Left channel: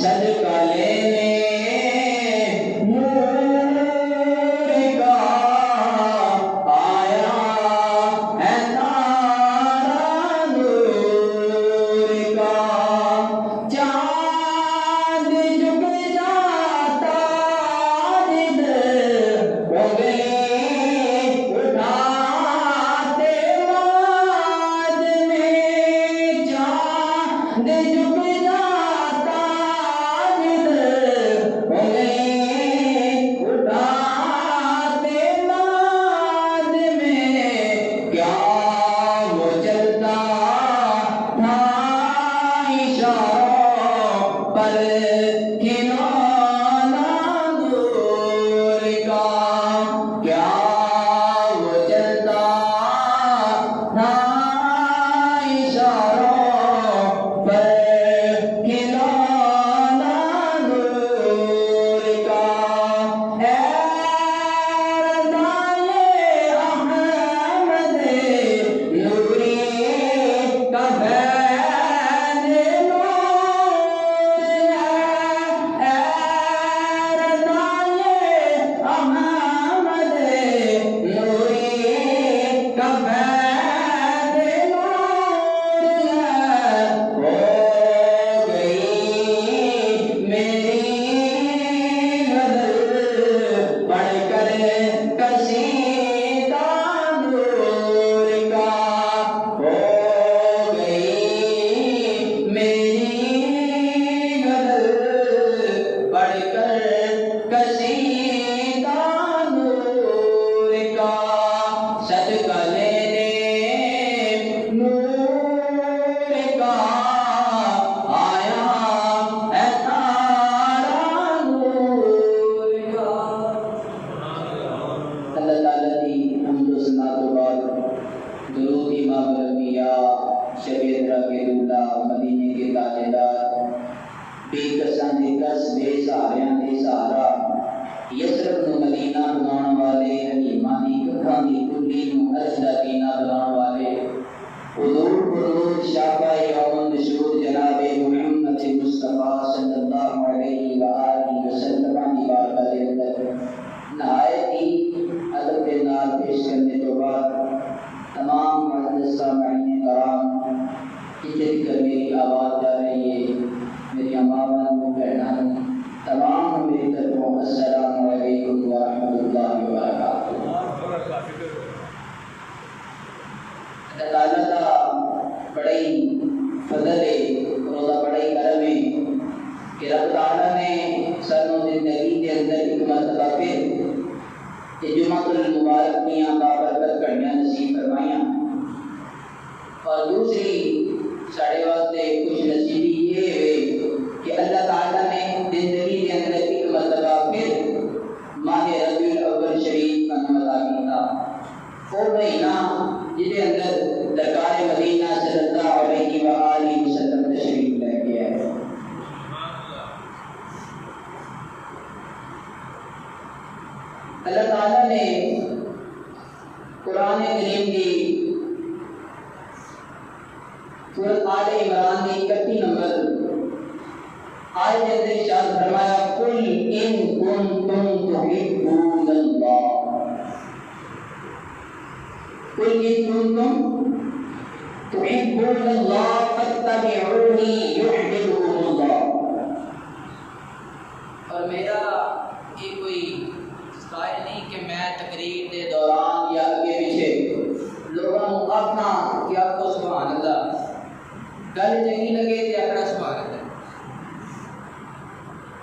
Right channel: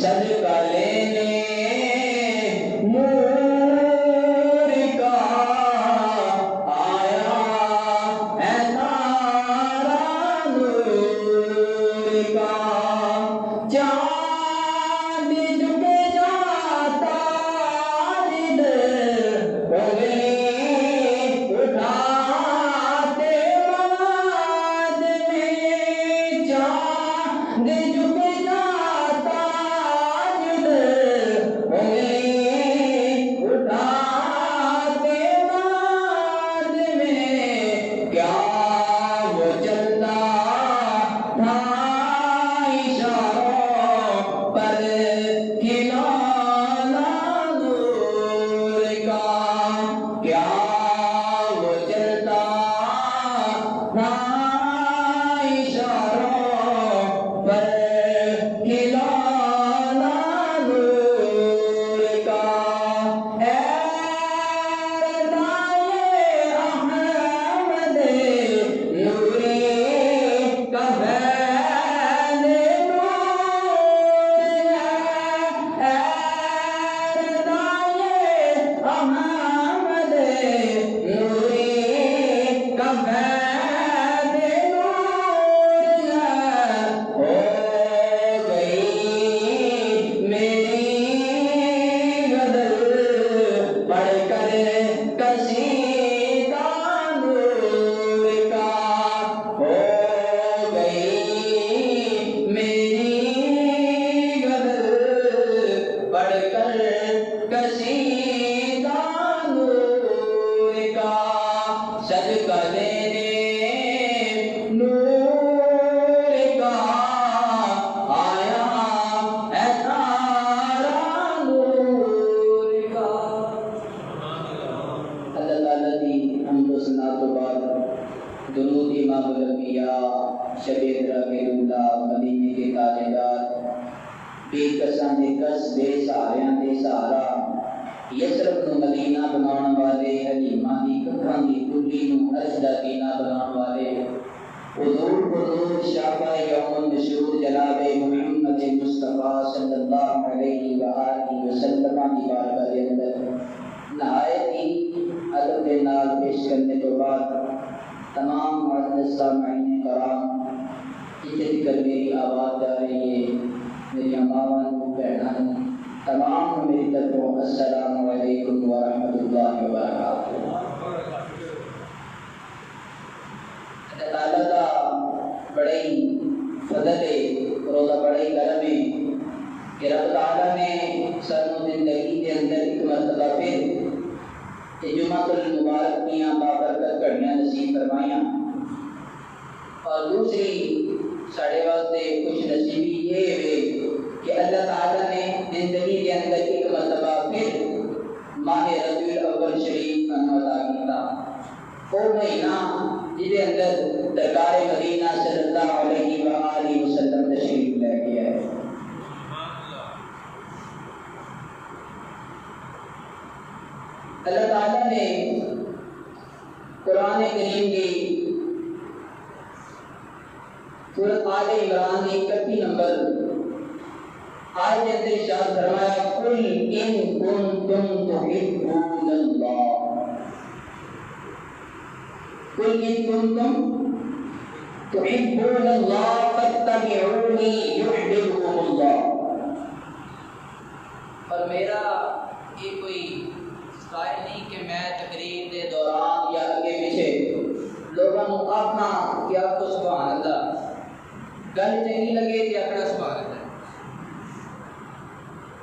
Sadhu بے کساں دے کس بے سہاریاں دے سہارا یسرف نو مدینہ بناਉਣ والے حلیماں دی ککھاں دی کلی نو اجدا دینا بناਉਣ والے حضور حضور شافع یوم النشور جناب محمد مصطفیٰ صلی اللہ علیہ وآلہ وسلم کی بارگاہ کے اندر نہایت ہی ادب کے نال پیش کرنے کے بعد تمام معزز سامعین کرام جتنے کر میری آواز جا رہی ہے میری ماواں بہنوں تمام میری طرفوں السلام علیکم ورحمۃ اللہ وبرکاتہ۔ اللہ تعالیٰ کا بڑا ہی فضل ہے اور بڑا ہی کرم ہے کہ رب تعالیٰ نے سانوں زندگی کے اندر ایک مرتبہ پھر جمعۃ المبارک میاں بابرکت کرنیاں نصیب فرمائیاں، اور دوسری ساڑھے واسطے خوش نصیبی یہ ہے کہ اللہ تعالیٰ نے زندگی کے اندر ایک مرتبہ پھر ماہ ربیع الاول شریف کا عطا کیتا، وہ مہینہ جس کے اندر دربار مدینہ صلی اللہ علیہ وآلہ وسلم تشریف لے گیا ہے۔ اللہ تعالیٰ نے قرآن کریم کی سورۃ آل عمران کی 31 نمبر آیت کے اندر ارشاد فرمایا قل ان کنتم تحبون اللہ، قل ان کنتم تحبون اللہ فاتبعونی یحببکم اللہ۔ اور میرا یہ کوئی سٹائل نہیں کہ میں تقریر دے دوران یا آگے پیچھے لوگوں کو آخنا کہ آپ کو سبحان اللہ گل چنگی لگے تو آخنا سبحان اللہ،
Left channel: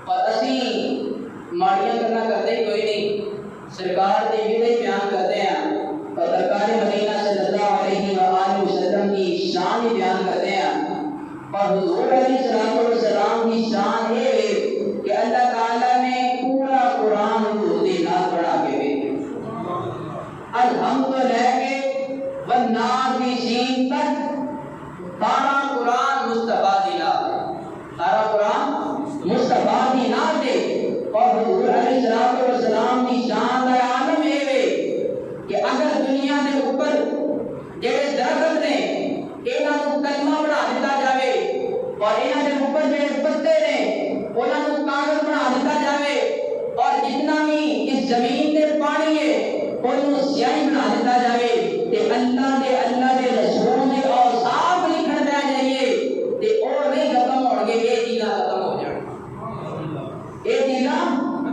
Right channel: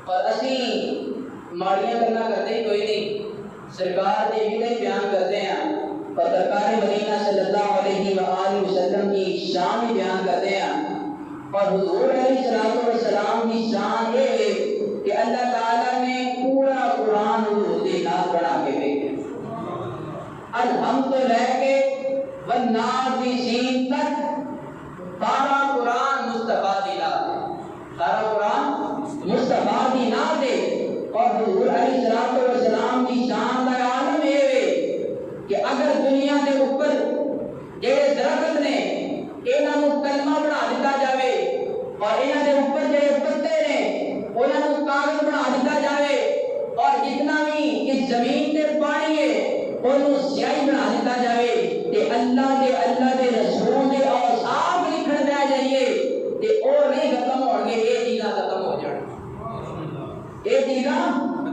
اور اسی ماڑیاں کرنا کرتے ہی کوئی نہیں، سرکار کے ویلے بیان کرتے ہیں اور سرکار مدینہ صلی اللہ علیہ وآلہ وسلم کی شان بیان کرتے ہیں، اور حضور علیہ السلام کی شان یہ ہے کہ اللہ تعالیٰ نے پورا قرآن حضور کے نام بنا کے بھیجا، الحمد لے کے والنافذین تک سارا قرآن مصطفیٰ دی نام دے، سارا قرآن مصطفیٰ دی نام دے، اور حضور علیہ السلام کی شان کا عالم یہ ہے کہ اگر دنیا کے اوپر جڑے درخت نے انہاں نوں کلمہ بنا دیتا جاوے اور انہاں دے اوپر جڑے پتے نے انہاں نوں کاغذ بنا دیتا جاوے، اور جتنا بھی اس زمین تے پانی ہے انہوں سیاہی بنا دیتا جاوے تے اللہ دے رسول دے اوصاف لکھن دیا جائیے تے اور نہیں ختم ہو گئے، یہ چیزاں ختم ہو جان، یہ چیزاں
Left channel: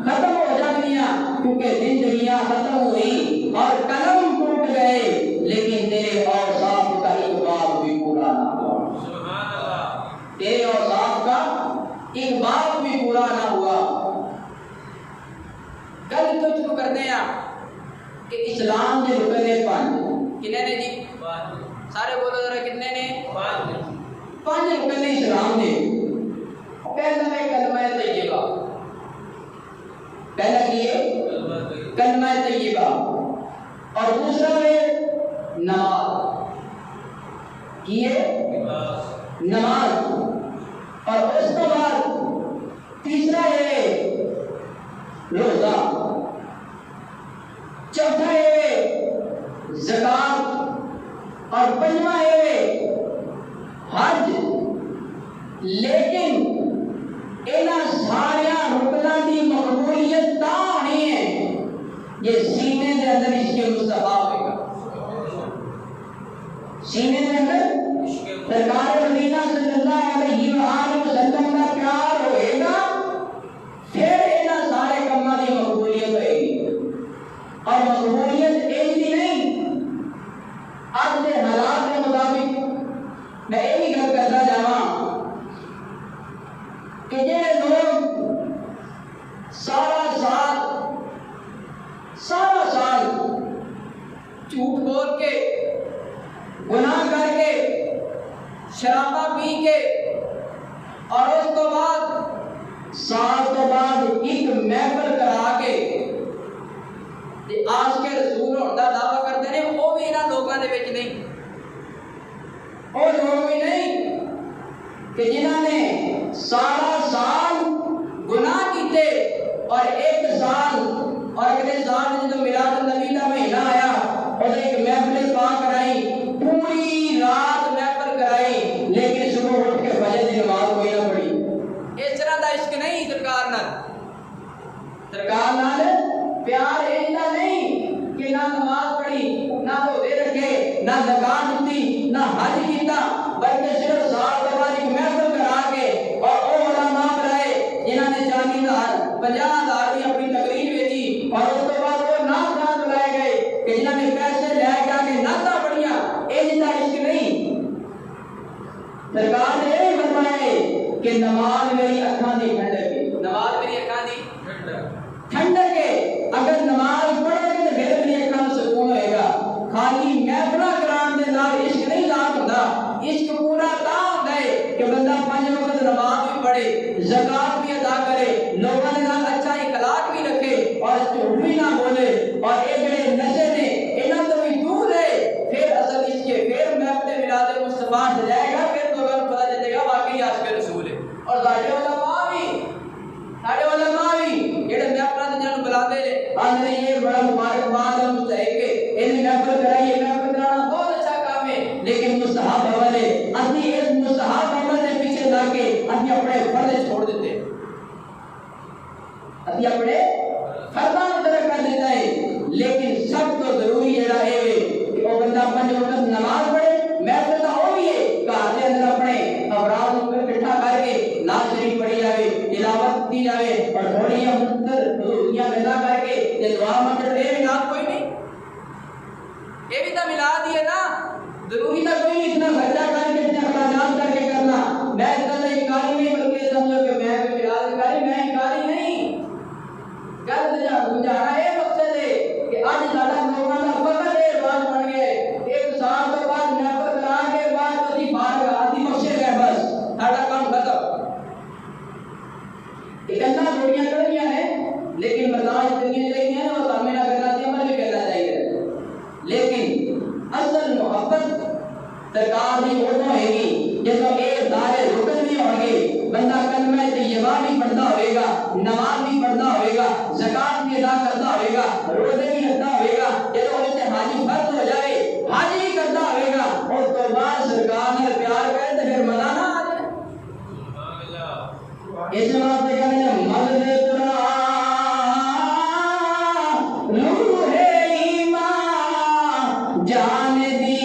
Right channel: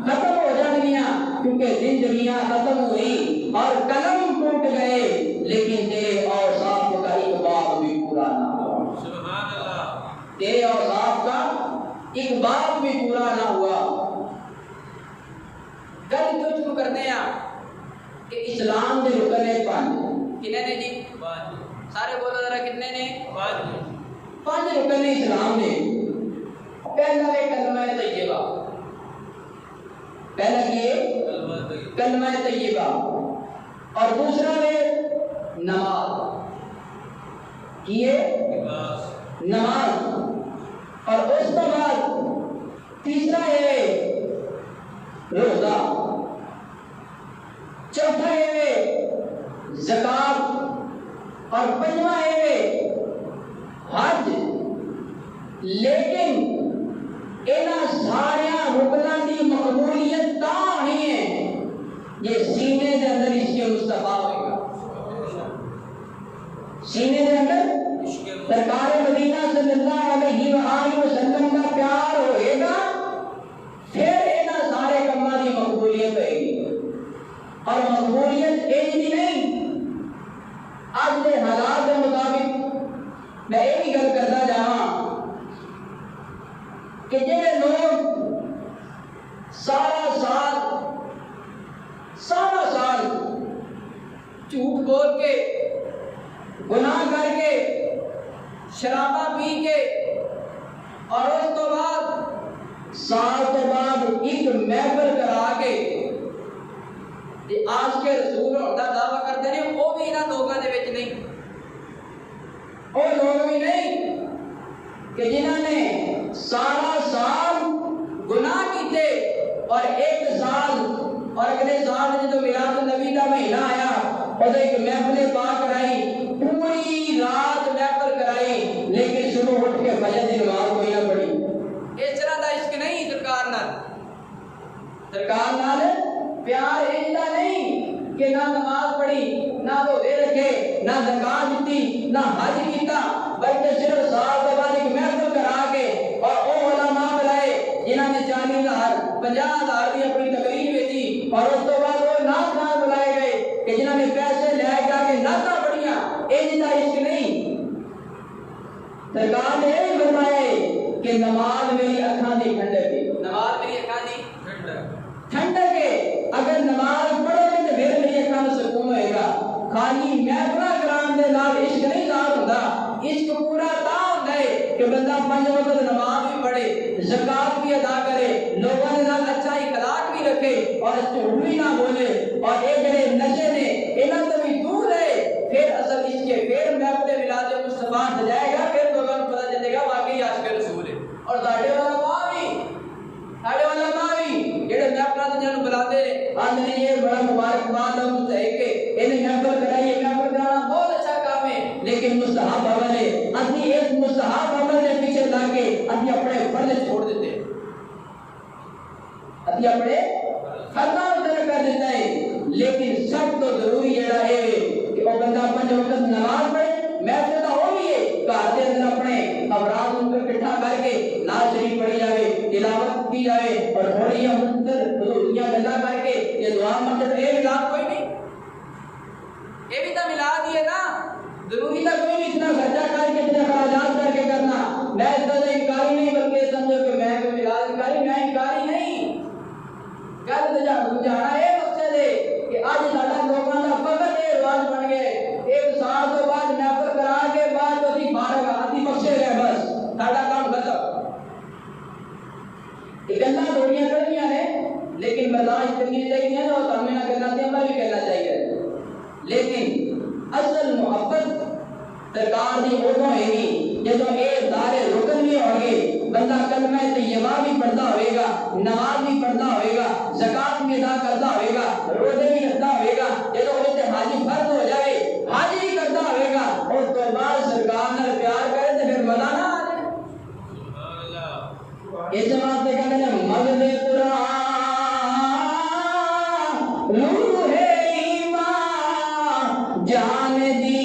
ختم ہو جانگیاں، کیونکہ زندگیاں ختم ہوئی اور قلم ٹوٹ گئے لیکن تیرے اوصاف کا ایک باب بھی پورا نہ ہوا، تیرے اوصاف کا ایک باب بھی پورا نہ ہوا۔ گل تو شروع کرتے ہیں کہ اسلام کے رکن نے 5 کتنے نے جی؟ سارے بولو ذرا کتنے نے؟ 5 رکن نے اسلام نے۔ پہلا ہے کلمہ طیبہ، پہلا یہ کلمہ طیبہ، اور دوسرا ہے نماز، یہ نماز، اور اس کے بعد تیسرا ہے روزہ، چوتھا ہے زکات، اور پنجواں ہے حج۔ لیکن انہاں سارے رکناں دی مقبولیت تا ہونی ہے یہ سینے دے اندر عشق مصطفیٰ ہوئے گا، سینے دے اندر سرکار مدینہ صلی اللہ علیہ وآلہ وسلم کا پیار ہوئے گا، پھر انہاں سارے کاماں دی مقبولیت ہوئے گی۔ اور مقبولیت ایسی نہیں، آج کے حالات کے مطابق میں یہی گل کرتا جاواں کہ جڑے لوگ سارا سال جھوٹ بول کے گناہ کر کے شرابہ پی کے اور اس تو بعد سال تو بعد ایک محفل کرا کے آج کے رسول ہونے کا دعویٰ کرتے ہیں، وہ بھی انہاں لوگوں کے وچ نہیں، وہ لوگ بھی نہیں کہ جنہوں نے سارا سال گناہ کیتے اور ایک سال اور اگلے سال میں جب میلاد النبی کا مہینہ آیا اور ایک محفل پاک کرائی، پوری رات محفل کرائی، لیکن صبح اٹھ کے فجر کی نماز کوئی نہ پڑھی۔ اس طرح کا عشق نہیں سرکار نال، سرکار نال پیار ایجا نہیں کہ نہ نماز پڑھی، نہ روزے رکھے، نہ زکات دیتی، نہ حج کیتا، بلکہ صرف سال کے بعد ایک محفل کرا کے اور وہ علماء بلائے جنہوں نے 40,000 50,000 کی اپنی تقریر بھیجی، اور اس کے بعد وہ نعت خان بلائے گئے کہ جنہوں نے پیسے لے کے نعتاں پڑھیاں۔ یہ جنہ عشق نہیں۔ سرکار نے یہ فرمایا کہ نماز میری اکھاں دی ٹھنڈک ہے، نماز میری اکھاں دی ٹھنڈک ہے۔ اگر نماز پڑھو گے تو پھر میری اکھاں نوں سکون ہوئے گا۔ خالی محفل کران دے نال عشق نہیں ذات ہوندا، عشق پورا تا ہوندا ہے کہ بندہ 5 وقت نماز بھی پڑھے، زکات بھی ادا کرے، لوگوں کے نال اچھا اخلاق بھی رکھے اور جھوٹ بھی نہ بولے، اور یہ جڑے نشے نے انہاں تو بھی دور رہے، پھر اصل عشق ہے۔ پھر محفل میلاد مصطفیٰ سجائے گا، پھر لوگوں کو پتہ چلے گا واقعی عاشق رسول ہے۔ اور ساڈے علماء بھی جڑے محفل تے جنوں بلاتے ہیں آندے نے یہ بڑا مبارکباد ہے، مستحق ہے، انہیں محفل کرائیے، محفل کرانا بہت اچھا کام ہے، لیکن مستحب عمل ہے۔ اسی اس مستحب عمل کے پیچھے لگ کے اسی اپنے فرض چھوڑ دیتے ہیں، اسی اپنے فرضاں کو ترک کر دیتا ہے۔ لیکن سب تو ضروری جڑا ہے کہ وہ بندہ 5 وقت نماز پڑھے۔ محفل تو وہ بھی ہے گھر دے اندر اپنے افراد کو اکٹھا کر کے نعت شریف پڑھی جائے، تلاوت کی جائے، اور تھوڑی حضوریاں گلا کر کے یہ دعا مانگے، تو یہ میلاد کوئی نہیں، یہ بھی تو میلاد ہی ہے نا۔ ضروری تھا کوئی بھی اتنا خرچہ کر کے، اتنے اخراجات کر کے کرنا۔ میں اتنا انکاری نہیں، بلکہ سمجھو کہ میں کوئی میلاد انکاری، میں انکاری نہیں۔ گل سمجھانا یہ مقصد ہے کہ اج ساڈا لوگوں کا فقط یہ رواج بن گیا ہے، 1 سال تو بعد محفل کرا کے بعد تو اسی فارغ اسی بخشے گئے، بس ساڈا کام ختم۔ یہ گلاں تھوڑیاں کڑویاں نے، لیکن برداشت کرنی چاہیے اور سامنے نہ کرنا چاہیے، عمل بھی کرنا چاہیے۔ لیکن اصل محبت سرکار دی ادوں ہے گی جدوں یہ سارے رکن بھی ہون گے، بندہ کلمہ طیبہ بھی پڑھتا ہوئے گا، نماز بھی پڑھتا ہوئے گا، زکات بھی ادا کرتا ہوئے گا، روزے بھی رکھتا ہوئے گا، جدوں اس تے حج فرض ہو جائے حج بھی کرتا ہوئے گا، اور تو بعد سرکار نال پیار کرے تو پھر مزہ نہ آ جائے۔ اس واسطے کہتے ہیں مغز قرآن روح ایمان جان دی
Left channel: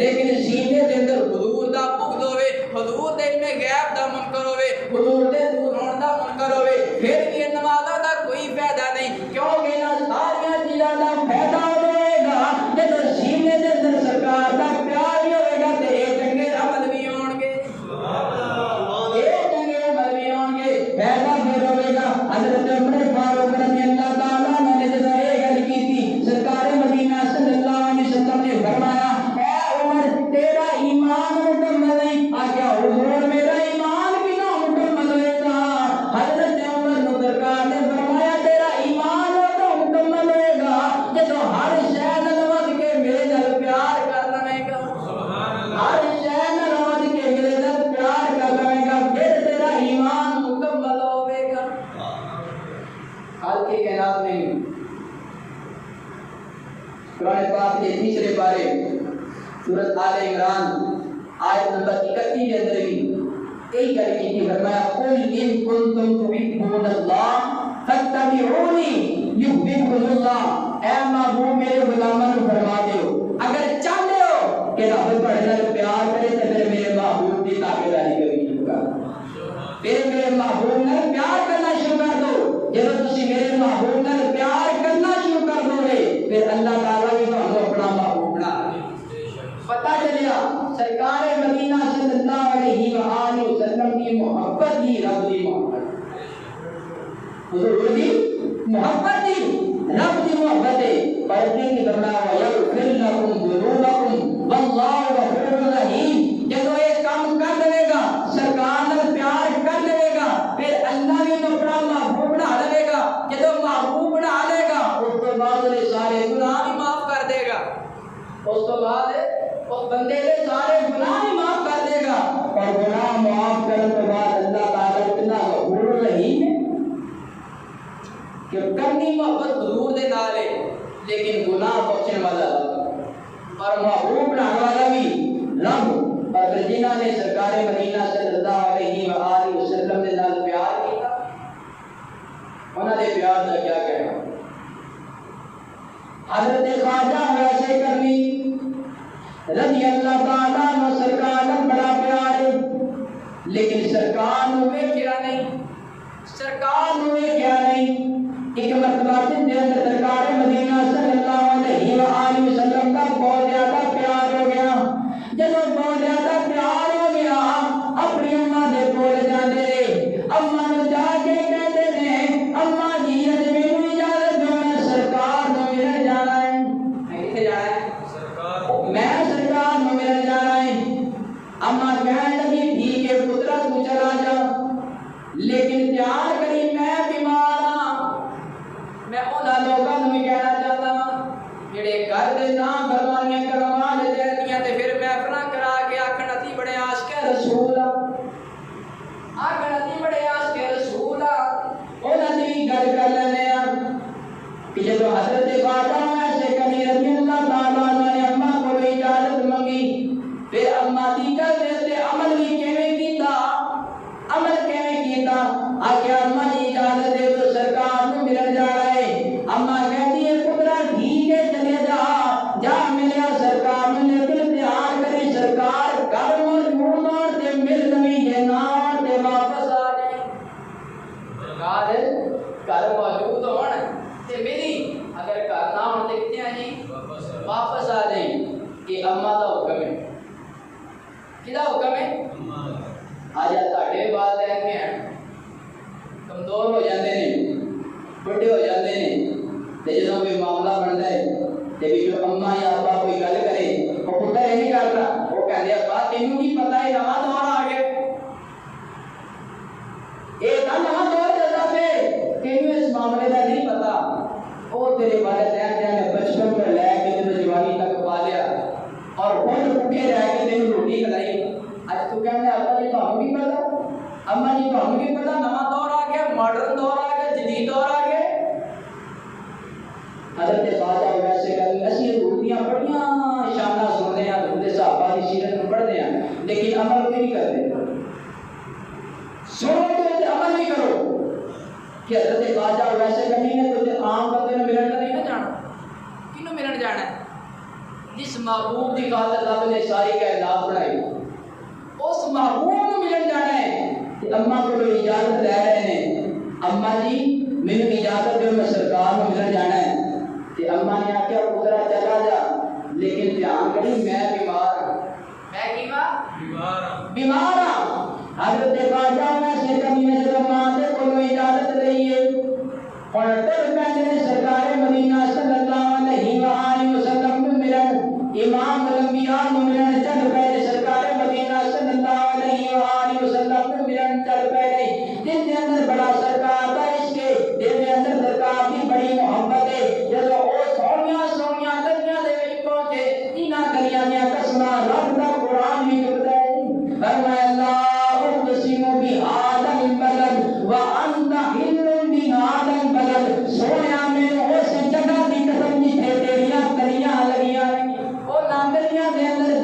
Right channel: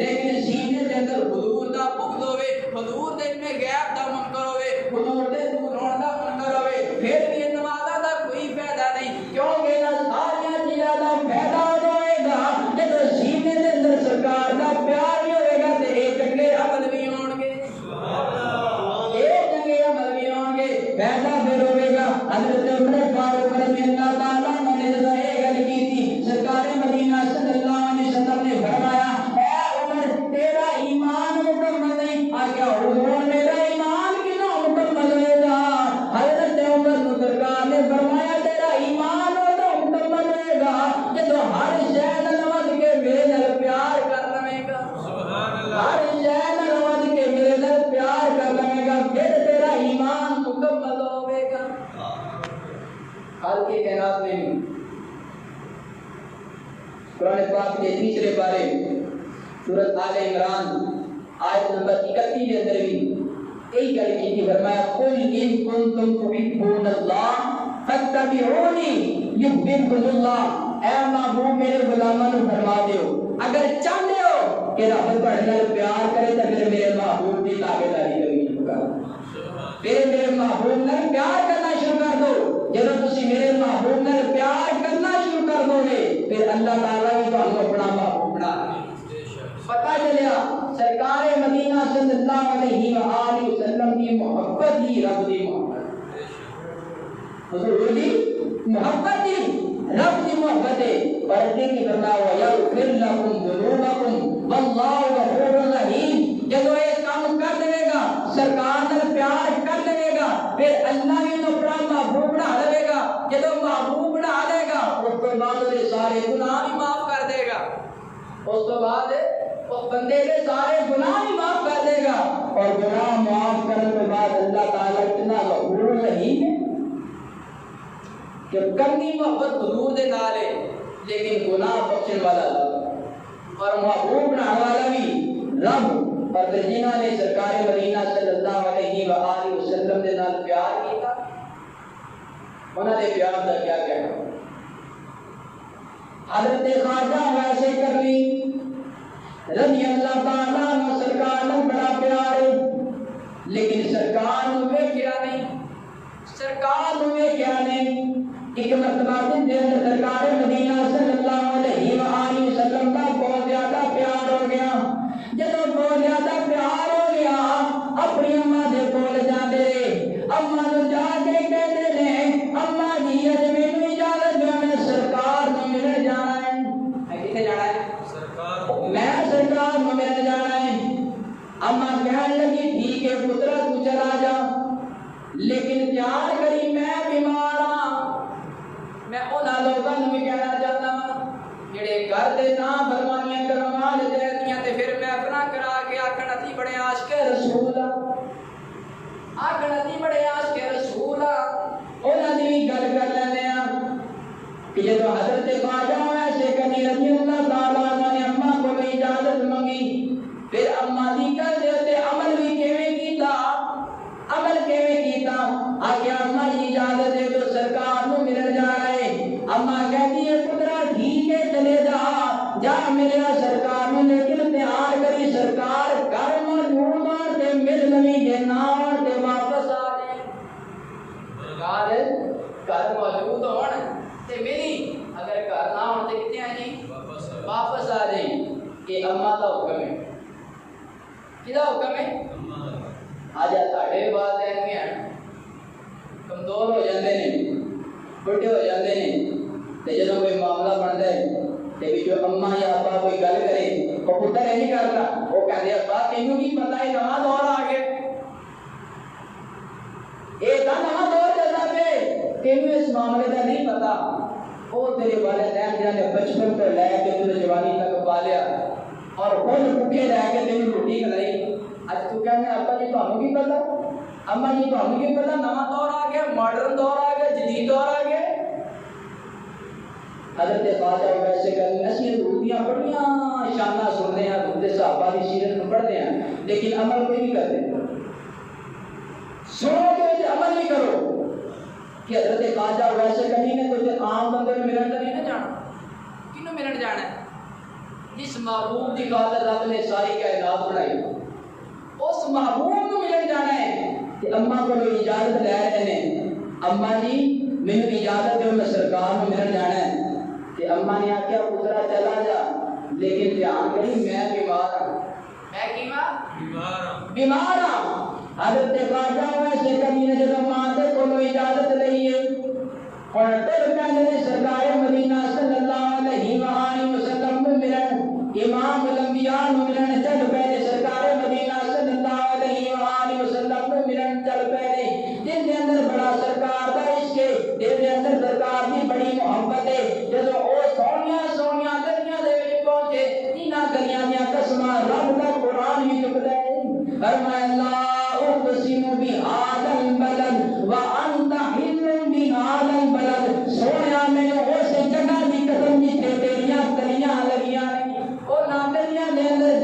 لیکن سینے دے اندر حضور دا بغض ہوئے، حضور دے علم غیب دا منکر ہوئے، حضور دے دور ہون دا منکر ہوئے، پھر بھی نمازاں دا کوئی فائدہ نہیں، کیونکہ نہ ساریاں چیزاں دا فائدہ ہوئے گا جدوں سینے دے اندر سرکار دا پیار بھی ہوئے گا تے اے چنگے عمل سورۃ آل عمران آیت نمبر 31 کے اندر بھی یہی گل کی فرمایا قل ان کنتم تحبون اللہ فاتبعونی یحببکم اللہ، اے محبوب میرے غلاموں کو فرما دیو اگر چاہتے ہو کہ رب تہاڈے نال پیار کرے تے پھر میرے محبوب دی تابعداری کرو شروع کر، پھر میرے محبوب نال پیار کرنا شروع کر دو۔ جب تسی میرے محبوب نال پیار کرنا شروع کر دو گے پھر اللہ تعالیٰ بھی تمہیں اپنا محبوب بنا دے۔ پتہ چلیا سرکار مدینہ صلی اللہ علیہ وآلہ وسلم کی محبت ہی رب دی محبت، حضور دی محبت ہی رب دی محبت ہے۔ پڑھتے کی فرمایا وَيَغْفِرْ لَكُمْ ذُنُوبَكُمْ وَاللَّهُ غَفُورٌ رَحِيمٌ، جب یہ کام کر دے گا سرکار نال پیار کر دے گا پھر اللہ بھی تو اپنا محبوب بنا لے گا، جب محبوب بنا لے گا اس تو بعد سارے گناہ بھی معاف کر دے گا، اس تو بعد اس بندے کے سارے گناہ بھی معاف کر دے گا، اور گناہ معاف کرنے کے بعد اللہ تعالیٰ اتنا غفور رحیم ہے کہ کرنی محبت حضور دے نال ہے لیکن گناہ بخشنے والا رب اور محبوب بنانے والا بھی رب، اور جنہاں نے سرکار مدینہ صلی اللہ علیہ وآلہ وسلم دے نال پیار کیا انہاں دے پیار دا کیا کہنا۔ حضرت خواجہ ویسے کرنی رضی اللہ تعالیٰ عنہ سرکار نال بڑا پیار ہے لیکن سرکار نو ویکھیا نہیں، سرکار نو ویکھیا نہیں۔ ایک مرتبہ دے اندر سرکار مدینہ صلی اللہ علیہ وآلہ وسلم کا بہت زیادہ پیار ہو گیا، جب بہت زیادہ پیار ہو گیا اپنی اماں دے کول جاندے رہے، اماں نو جا کے کہتے نے اماں جی اج مینوں اجازت دو میں سرکار نو ملن جانا ہے۔ میں کتے جانا ہے؟ میں سرکار نو ملن جانا ہے۔ اماں کہنے لگی ٹھیک ہے پترا تو چلا جا لیکن دھیان کری میں بیمار ہاں، میں انہاں لوگاں نوں بھی کہنا چاہتا ہوں جڑے گھر دے نام فرمانیاں کروا لے دیاں تے پھر محفلاں کرا کے آکھن اتی بڑے عاشق رسول آکھن اتی بڑے عاشق رسول انہاں دی بھی گل کر لیندے ہاں کہ جدوں حضرت خواجہ ایسے کنی رضی اللہ تعالیٰ عنہ نے اماں کو اجازت منگی پھر اماں دی گل دے تے عمل بھی کیویں کیتا، عمل کیویں کیتا، آکھیا اماں جی اجازت دے تو سرکار نو ملن جانا ہے۔ اماں کہتی ہے پترا ٹھیک ہے چلے جا جا ملیا سرکار نو لیکن دھیان کری سرکار گھر موجود ہون تے مل لوی جے نہ ہون تے واپس آ جائے، سرکار گھر موجود ہون تے ملی، اگر گھر نہ ہون تے کتے آ جائیں واپس آ جائیں۔ یہ اماں دا حکم ہے، کدا حکم ہے؟ آج ساڈے والدین بھی ہیں کمزور ہو جاندے نے بڑے ہو جاندے نے تے جدوں کوئی معاملہ بندا ہے تے وچ اماں یا ابا کوئی گل کرے او پتر اے نہیں کرتا، او کہندے ابا تینوں کی پتہ ہے نواں دور آ گیا، اے تا نواں دور چلدا پے تینوں اس معاملے دا نہیں پتہ، او تیرے والدین جانے بچپن تو لے کے تینوں جوانی تک پالیا اور خود بھوکے رہ کے تینوں روٹی کھلائی، اج تو کہندے ابا جی تانوں کی پتہ، اما جی تانوں کی پتہ نواں دور آ گیا، ماڈرن دور آ گیا، جدید دور آ گیا۔ حضرت خواجہ ویسے کہ اسی روٹیاں بڑیاں شانہ سنتے ہیں حضرت صحابہ کی سیرت میں پڑھتے ہیں لیکن عمل کوئی نہیں کرتے، سنو تو عمل نہیں کرو کہ حضرت خواجہ ویسے کبھی نے کوئی عام بندے میں ملن نہیں نہ جانا، کینوں ملن جانا ہے؟ جس محبوب کی خاطر رب نے ساری کائنات بنائی اس محبوب کو ملن جانا ہے کہ اماں کو اجازت لے رہے ہیں، اماں جی مینوں اجازت دو میں سرکار کو ملن جانا ہے تے اماں نے آکھیا پترا چلا جا لیکن دھیان کری میں بیمار ہوں، میں کیواں بیمار ہوں۔ حضرت خواجہ ویسے کبھی نے جب ماں سے کوئی اجازت لئی ہے اور تب میں سرکار مدینہ صلی اللہ علیہ وآلہ وسلم کو ملن امام الانبیاء کو ملن چل پے، سرکار مدینہ صلی اللہ علیہ وآلہ وسلم کو ملن چل پے، جن کے اندر بڑا سرکار کا عشق ہے، جن کے اندر سرکار کی بڑی محبت ہے، جدوں او سونیاں سونیاں گلیاں دے وچ پہنچے انہاں گلیاں دیاں قسماں رب دا قرآن بھی چکدا ہے، فرمایا اللہ اقسم بہذا البلد وانت حل بہذا البلد، سونیا میں اس جگہ دی قسم جتھے تیریاں گلیاں لگیاں نے، او گلیاں دے اندر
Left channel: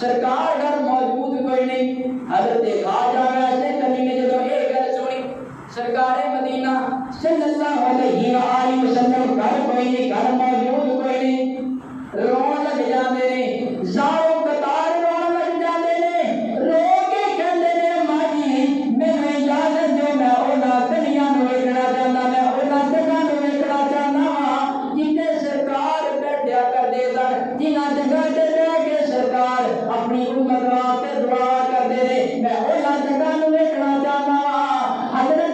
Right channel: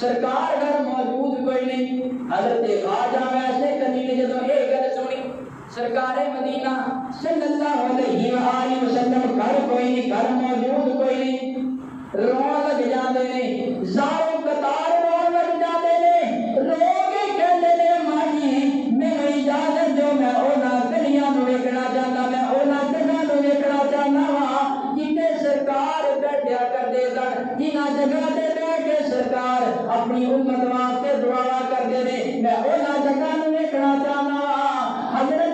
سرکار گھر موجود کوئی نہیں. حضرت خواجہ ویسے کنی نے جدو یہ گل سنی سرکار مدینہ صلی اللہ علیہ وآلہ وسلم گھر کوئی نہیں, گھر موجود کوئی نہیں, رون لگ جاندے نے, زاروں قطار رون لگ جاندے نے, رو کے کہندے نے ماجی میرے اجازت جو میں اونا کنیاں نو ویکھنا چاہندا, میں اونا جگہ نو ویکھنا چاہندا وا جتھے سرکار بیٹھیا کردے سن, جنہاں جگہ تے بیٹھ کے سرکار اپنی امت واسطے دعا کردے نے, میں اونا جگہ نو ویکھنا چاہندا وا. حضرت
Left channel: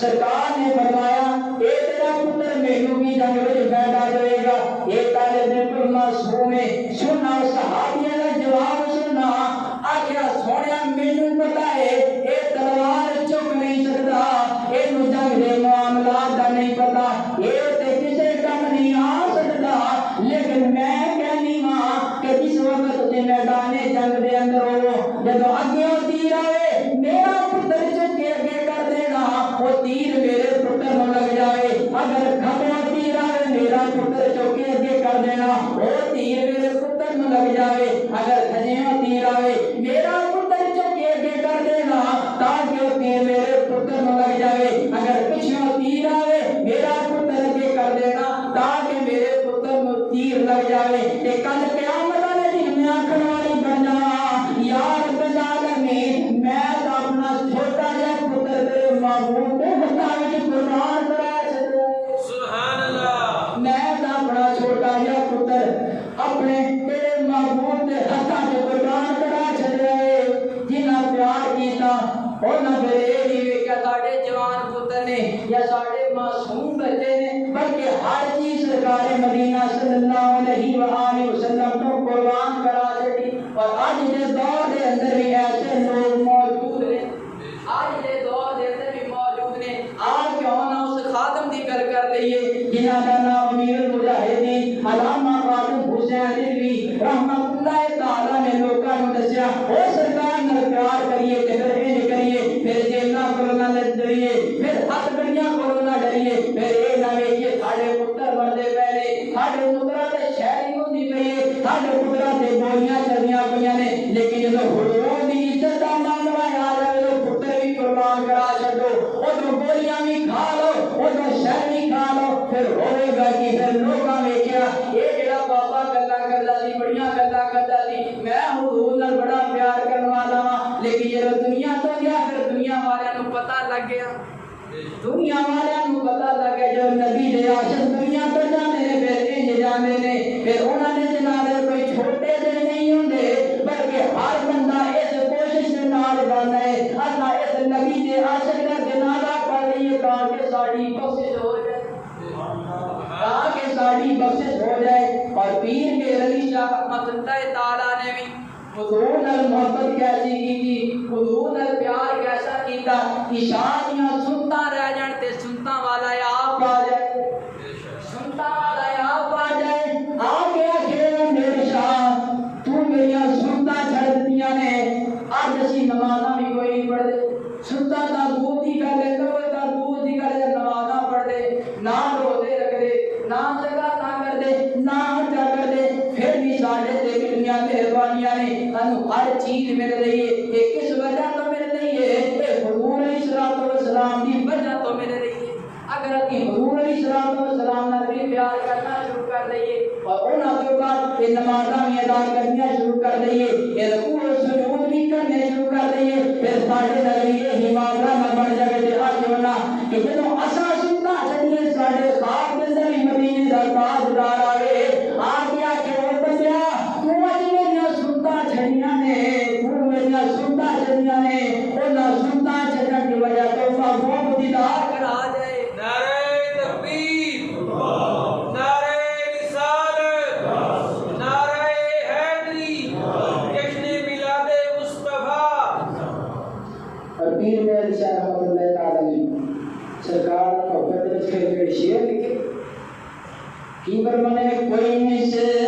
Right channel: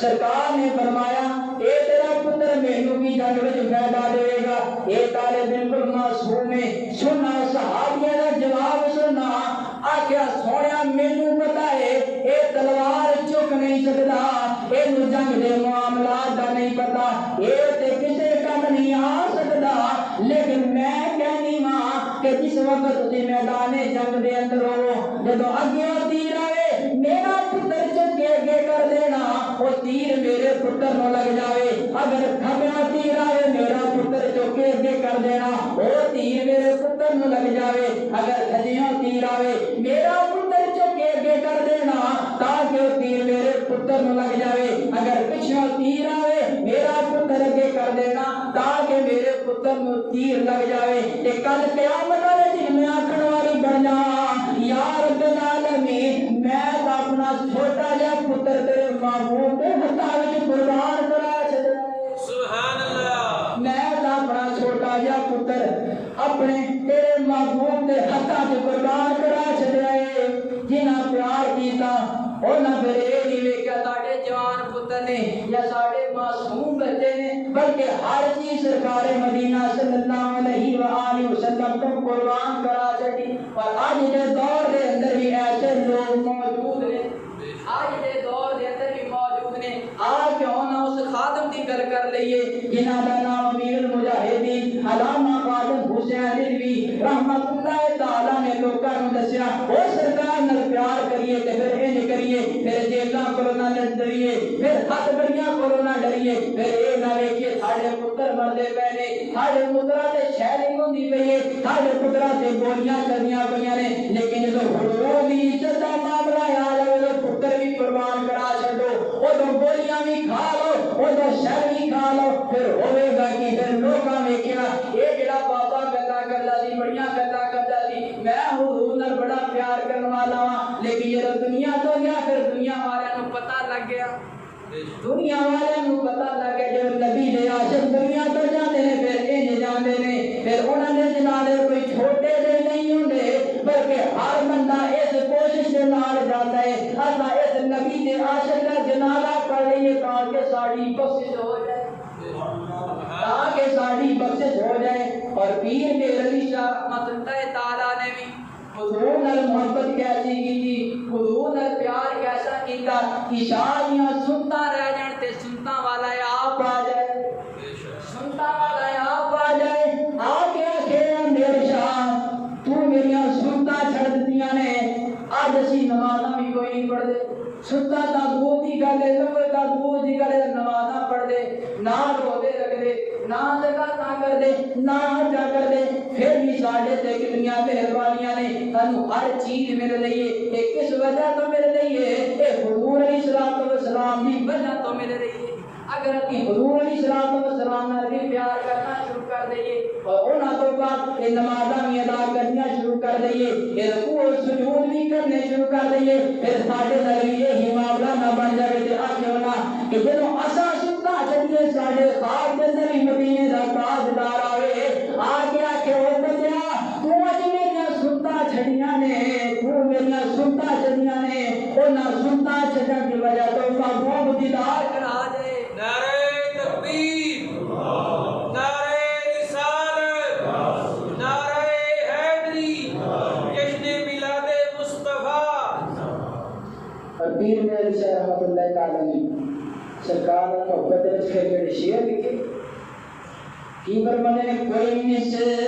سرکار نے فرمایا اے تیرا پتر مینوں بھی جنگ وچ فائدہ دے گا. اے طالب بالکل معصوم ہے. سننا صحابیاں دا جواب سننا, آکھیا سونیا مینوں پتہ ہے اے تلوار چک نہیں سکدا, اے نو جنگ دے معاملات دا نہیں پتہ, اے تے کسے کم نہیں آ سکدا, لیکن میں کہنی ہاں کہ جس وقت تسی میدان جنگ دے اندر ہو, جدوں اگے تیر آوے میرا پتر چک کے اگے کر دینا, وہ تیر میرے پتر نو لگ جاوے. اگر کھبے تیر آوے میرا پتر چک کے اگے کر دینا, وہ تیر میرے پتر نو لگ جاوے. اگر کھجیوں تیر آوے میرا پتر چک کے اگے کر دینا تاکہ وہ تیر میرے پتر نو لگ جاوے. اگر پچھوں تیر آوے میرا پتر اگے کر دینا تاکہ میرے پتر نو تیر لگ جاوے. تے کل قیامت والے دن میں آکھن والی بن جا یا رب العالمین انہاں پھر یہ نہیں ویکھیا ساڈے جوان پتر نے یا ساڈے معصوم بچے نے، بلکہ ہر چیز سرکار مدینہ صلی اللہ علیہ وآلہ وسلم تو قربان کرا چھڈی۔ اور اج دے دور دے اندر بھی ایسے لوگ موجود نے، اج دے دور دے اندر بھی موجود نے۔ آج کیوں نہ اس خادم دی گل کر لئیے جنہاں دا نام امیر المجاہدین علامہ قاسم حسین رضوی رحمۃ اللہ تعالی نے لوکاں نوں دسیا، او سرکار نال پیار کریے تے پھر انج کریے، پھر جیلاں کولوں نہ ڈریے، پھر ہتھ گڑیاں کولوں نہ ڈریے، پھر اے نہ ویکھیے ساڈے پتر مردے پے نے، ساڈے پتراں تے شہری ہوندی پئی ہے، ساڈے پتراں تے گولیاں چلدیاں پیاں نے، لیکن جدوں حضور دی عزت دا معاملہ آ جائے تو پتر بھی قربان کرا چھڈو، اودوں گولیاں بھی کھا لو، اودوں شہر بھی کھا لو، پھر ہوے گا کہ پھر لوکاں ویکھیا اے جڑا بابا گلاں کردا سی، بڑیاں گلاں کردا سی، میں حضور نال بڑا پیار کرن والا ہاں، لیکن جدوں دنیا تو گیا پھر دنیا والیاں نوں پتہ لگ گیا، دنیا والیاں نوں پتہ لگ گیا جب نبی دے عاشق دنیا تو جاندے نے پھر انج جاندے نے، پھر انہاں دے جنازے کوئی چھوٹے دے نہیں ہوندے، بلکہ ہر بندہ اس کوشش دے نال جاندا ہے اللہ اس نبی دے عاشق دا جنازہ پڑھ لئیے تاکہ ساڈی بخشش ہو جائے، تاکہ ساڈی بخشش ہو جائے۔ اور پیر میرے علی شاہ رحمۃ اللہ تعالی نے بھی حضور نال محبت کیسی کی، حضور نال پیار کیسا کیتا کہ شادیاں سنتا رہ جان تے سنتا والا آپ آ جائے، سنتا والا آپ آ جائے، آ کے آخے میرے شاہ تو میریاں سنتا چھڑ دتیاں نے، اج اسی نمازاں بھی کوئی نہیں پڑھدے، سنتا دا دور دی گل ہے، نماز دا دور دی گل ہے، نمازاں پڑھ دے، نہ روزے رکھ دے، نہ زکاتاں کر دے، نہ حجاں کر دے، پھر بھی ساڈے تے کتنیاں مہربانیاں نے، سانوں ہر چیز مل رہی ہے، یہ کس وجہ تو مل رہی ہے؟ یہ حضور علیہ الصلوۃ والسلام دی وجہ تو مل رہی ہے۔ اگر اسی حضور علیہ الصلوۃ والسلام نال بھی پیار کرنا شروع کر دئیے اور انہاں تو بعد یہ نمازاں بھی ادا کرنیاں شروع کر دئیے، یہ رکوع و سجود بھی کرنے شروع کر دئیے، پھر ساڈے نال بھی یہی معاملہ نہ بن جائے تے آکھو نا کہ جدوں اساں سننا چاہیے ساڈے خواب دے ذریعے مدینے دا تاجدار آوے، آ کے آکھے او بندیا تو اج میریاں سنتا چھڑیاں نے، تو میریاں سنتا چھڑیاں نے، انہاں سنتا چھڑن دی وجہ تو محبوب دیدار کرا جائے۔ نعرہ تکبیر، نعرہ رسالت، نعرہ حیدری، جشن میلاد مصطفیٰ۔ اور پیر میرے شاہ رحمۃ اللہ تعالی نے سرکار محبت رکھے میرے شعر لکھے کی برمنے کوئی مثل